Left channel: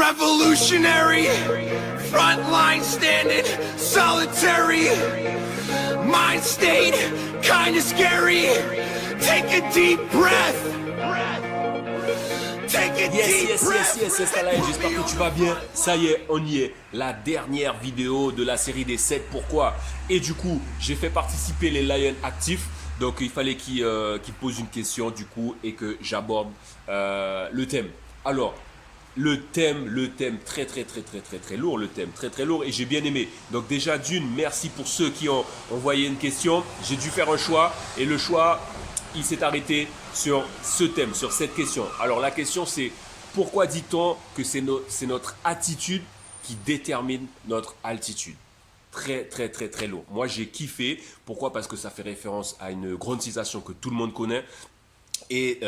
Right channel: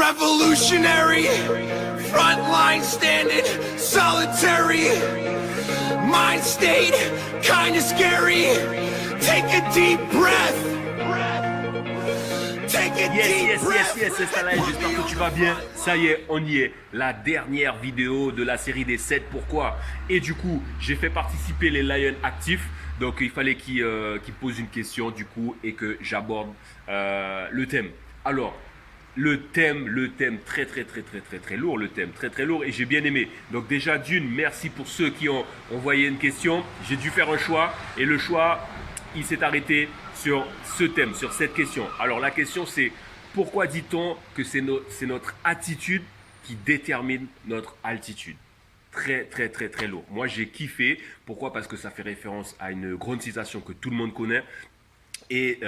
Revolutionary, frontline standing, solitary, mind state, kinda scary. Take a deep breath. Yes, c'est ça là, j'espère que tu vas bien. Ça y est, on y est. La dernière vidéo de la série des 7 pourquoi. Et du coup, j'ai fait participer les Lions actifs. Donc, il fallait qu'ils posent une question du coup et que j'aborde le thème. Alors, le thème très lourd, le thème très lourd et j'ai bien aimé. Donc déjà d'une, merci pour ceux qui ont envoyé une question. J'ai dû faire un choix et le choix, il s'est arrêté sur ce thème, sur cette question. Alors la question c'est, pourquoi dit-on que c'est notre attitude qui détermine notre altitude? Très lourd. Moi j'ai kiffé. Pourquoi? Parce que ça fait référence à une grande citation que tout le monde connaît. Et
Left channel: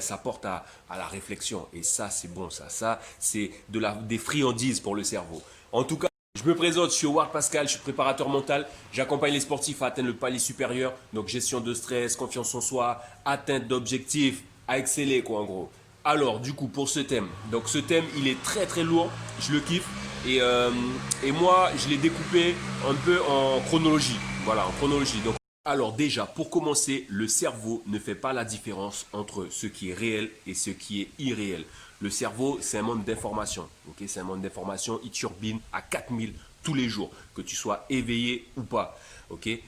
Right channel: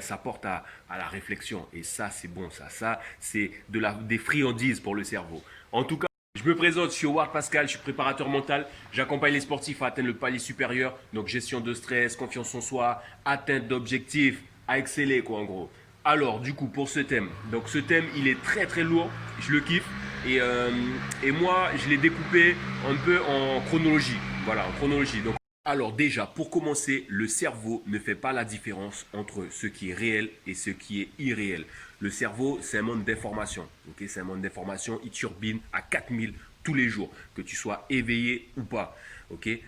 ça porte à la réflexion. Et ça, c'est bon, ça c'est des friandises pour le cerveau. En tout cas, je me présente, je suis Howard Pascal, je suis préparateur mental. J'accompagne les sportifs à atteindre le palier supérieur. Donc, gestion de stress, confiance en soi, atteinte d'objectifs, à exceller, quoi, en gros. Alors, du coup, pour ce thème. Donc, ce thème, il est très lourd. Je le kiffe. Et moi, je l'ai découpé un peu en chronologie. Voilà, en chronologie. Donc, alors déjà, pour commencer, le cerveau ne fait pas la différence entre ce qui est réel et ce qui est irréel. Le cerveau, c'est un monde d'information. Okay, c'est un monde d'information, il turbine à 4000 tous les jours, que tu sois éveillé ou pas. Okay,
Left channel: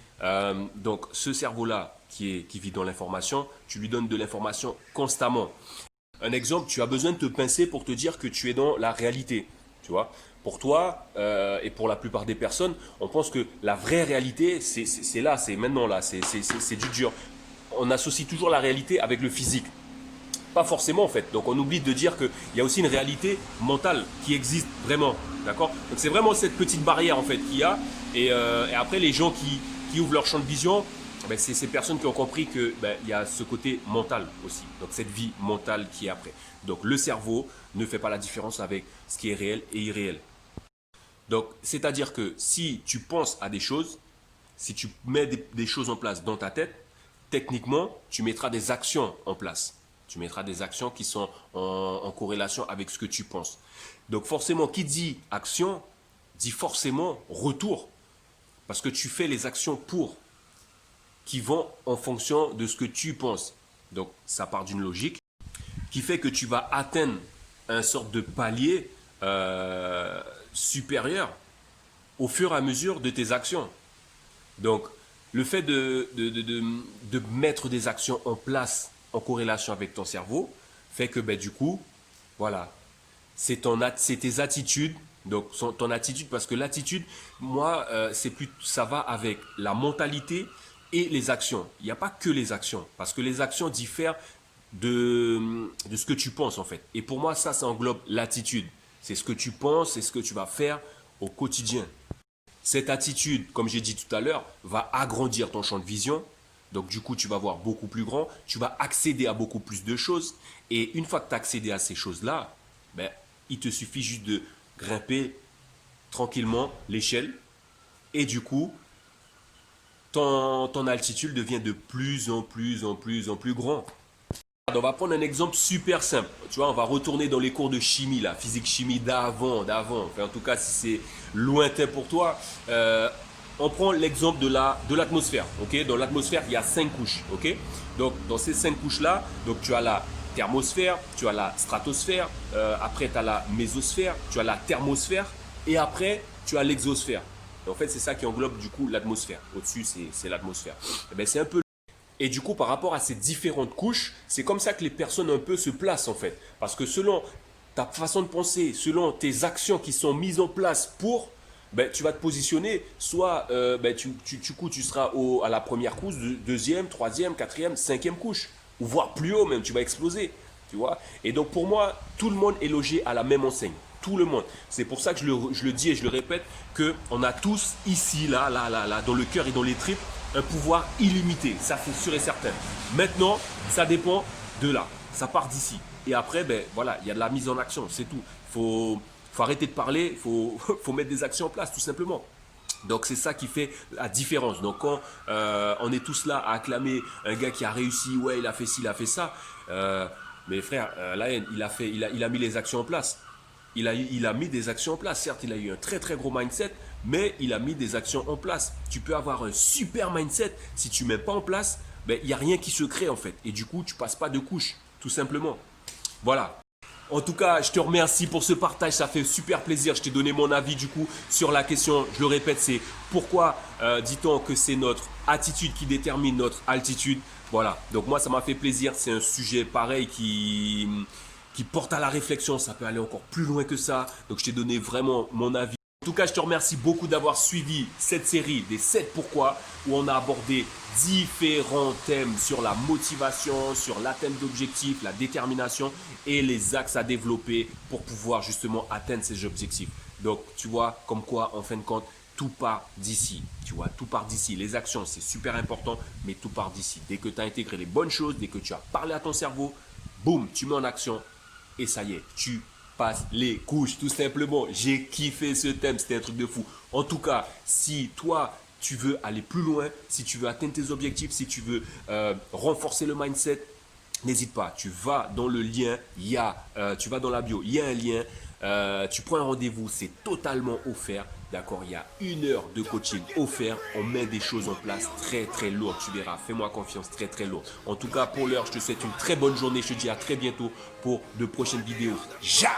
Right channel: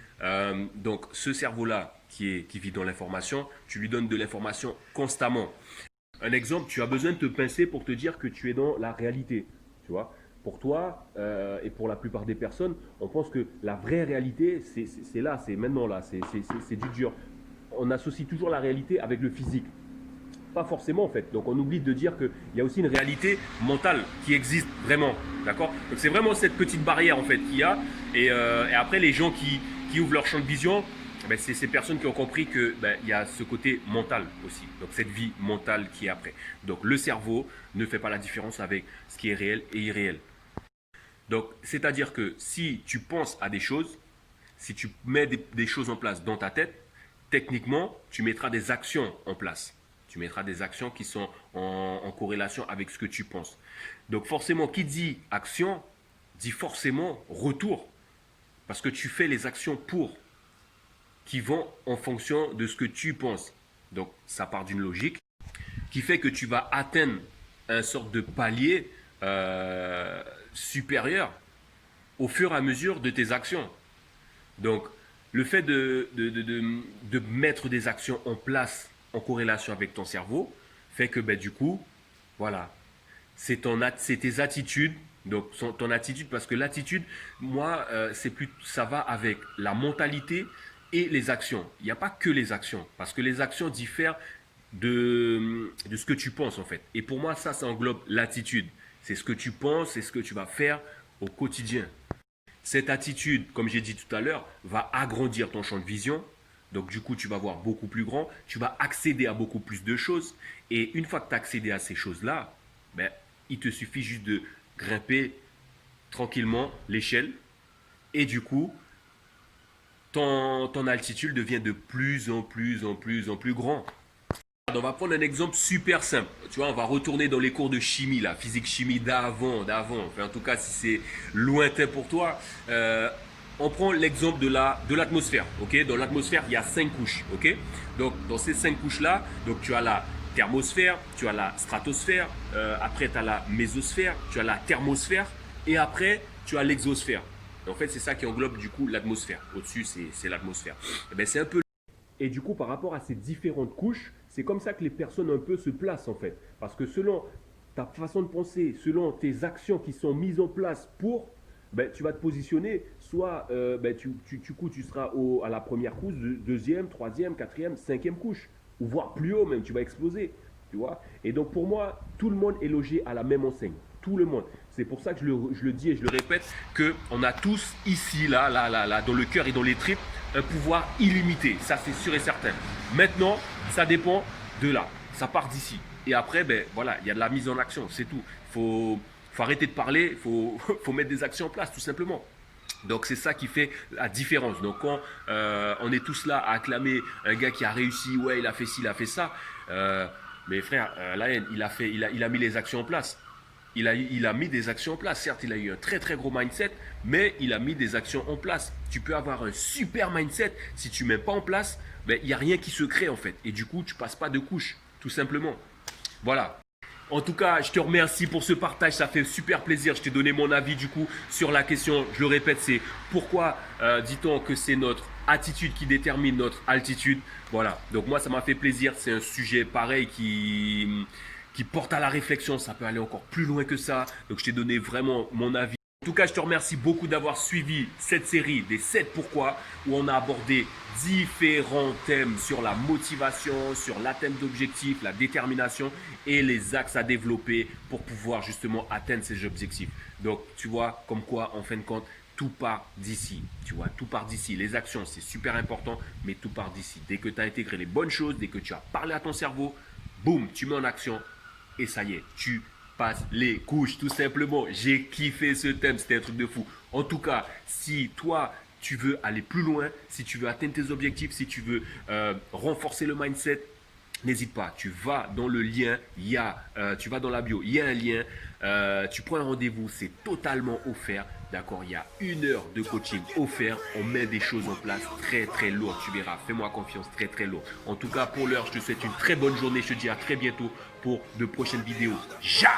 donc ce cerveau-là qui vit dans l'information, tu lui donnes de l'information constamment. Un exemple, tu as besoin de te pincer pour te dire que tu es dans la réalité. Tu vois, pour toi et pour la plupart des personnes, on pense que la vraie réalité, c'est là, c'est maintenant là, c'est du dur. On associe toujours la réalité avec le physique. Pas forcément en fait. Donc on oublie de dire qu'il y a aussi une réalité mentale qui existe vraiment. D'accord? Donc c'est vraiment cette petite barrière en fait qu'il y a. Et après les gens qui ouvrent leur champ de vision, ben, c'est ces personnes qui ont compris qu'il y a ce côté mental aussi. Donc cette vie mentale qui est après. Donc le cerveau ne fait pas la différence avec ce qui est réel et irréel. Donc c'est-à-dire que si tu penses à des choses, si tu mets des choses en place dans ta tête, techniquement, tu mettras des actions en place. Tu mettras des actions qui sont en corrélation avec ce que tu penses. Donc forcément, qui dit action, dit forcément retour. Parce que tu fais les actions qui vont en fonction de ce que tu penses. Donc ça part d'une logique qui fait que tu vas atteindre un sorte de palier supérieur au fur et à mesure de tes actions. Donc le fait de mettre des actions en place en corrélation avec ton cerveau fait que du coup, voilà, c'est tes attitudes. Donc ton attitude, parce que l'attitude, moi, ça va avec la mentalité et les actions. Il n'y a pas que les actions, parce que les actions diffèrent de ce que tu penses en fait. Et pour moi, ça englobe l'attitude. C'est ce que tu penses, c'est ce que tu vas faire au quotidien. Cette attitude, comme j'ai dit tout à l'heure, va agrandir ton champ de vision. Donc du coup, tu vas voir beaucoup plus grand, tu vas accéder à beaucoup plus de choses. Et une fois que tu as accédé à ces choses-là, il te suffit juste de grimper tranquillement l'échelle. Et du coup, ton altitude devient de plus en plus grand. On va prendre un exemple super simple. Tu vois, on va retourner dans les cours de chimie, là, physique-chimie d'avant. Enfin, en tout cas, si c'est lointain pour toi, on prend l'exemple de l'atmosphère. Okay, dans l'atmosphère, il y a 5 couches. Okay, donc, dans ces 5 couches-là, donc, tu as la thermosphère, tu as la stratosphère, après, tu as la mésosphère, tu as la thermosphère, et après, tu as l'exosphère. En fait, c'est ça qui englobe du coup l'atmosphère. Au-dessus, c'est l'atmosphère. C'est un peu. Et du coup, par rapport à ces différentes couches, c'est comme ça que les personnes un peu se placent en fait. Parce que selon ta façon de penser, selon tes actions qui sont mises en place tu vas te positionner, soit tu seras à la première couche, deuxième, troisième, quatrième, cinquième couche, ou voire plus haut même, tu vas exploser. Tu vois. Et donc pour moi, tout le monde est logé à la même enseigne. Tout le monde. C'est pour ça que je le dis et je le répète, qu'on a tous ici, là, dans le cœur et dans les tripes, un pouvoir illimité. Ça, c'est sûr et certain. Maintenant, ça dépend de là. Ça part d'ici. Et après, voilà, il y a de la mise en action. C'est tout. Il faut arrêter de parler. Il faut mettre des actions en place, tout simplement. Donc c'est ça qui fait la différence. Donc quand on est tous là à acclamer un gars qui a réussi, ouais, il a fait ci, il a fait ça. Mais frère, là, il a mis les actions en place. il a mis des actions en place. Certes, il a eu un très très gros mindset, mais il a mis des actions en place. Tu peux avoir un super mindset, si tu ne mets pas en place, ben, il n'y a rien qui se crée en fait. Et du coup, tu ne passes pas de couche, tout simplement. Voilà. En tout cas, je te remercie pour ce partage, ça fait super plaisir. Je t'ai donné mon avis du coup sur la question. Je le répète, c'est pourquoi dit-on que c'est notre attitude qui détermine notre altitude. Voilà, donc moi ça m'a fait plaisir. C'est un sujet pareil qui porte à la réflexion. Ça peut aller encore plus loin que ça. Donc je t'ai donné vraiment mon avis. En tout cas, je te remercie beaucoup d'avoir suivi cette série des 7 pourquoi où on a abordé différents thèmes sur la motivation, sur l'atteinte d'objectifs, la détermination et les axes à développer pour pouvoir justement atteindre ces objectifs. Donc, tu vois, comme quoi, en fin de compte, tout part d'ici. Tu vois, tout part d'ici. Les actions, c'est super important, mais tout part d'ici. Dès que tu as intégré les bonnes choses, dès que tu as parlé à ton cerveau, boum, tu mets en action et ça y est, tu passe les couches, tout simplement. J'ai kiffé ce thème, c'était un truc de fou. En tout cas, si toi, tu veux aller plus loin, si tu veux atteindre tes objectifs, si tu veux renforcer le mindset, n'hésite pas. Tu vas dans le lien, tu vas dans la bio, il y a un lien. Tu prends un rendez-vous, c'est totalement offert. D'accord, il y a 1 heure de coaching offert. On met des choses en place très très lourdes. Tu verras, fais-moi confiance, très très lourd. En tout cas, pour l'heure, je te souhaite une très bonne journée. Je te dis à très bientôt pour de prochaines vidéos. Ja!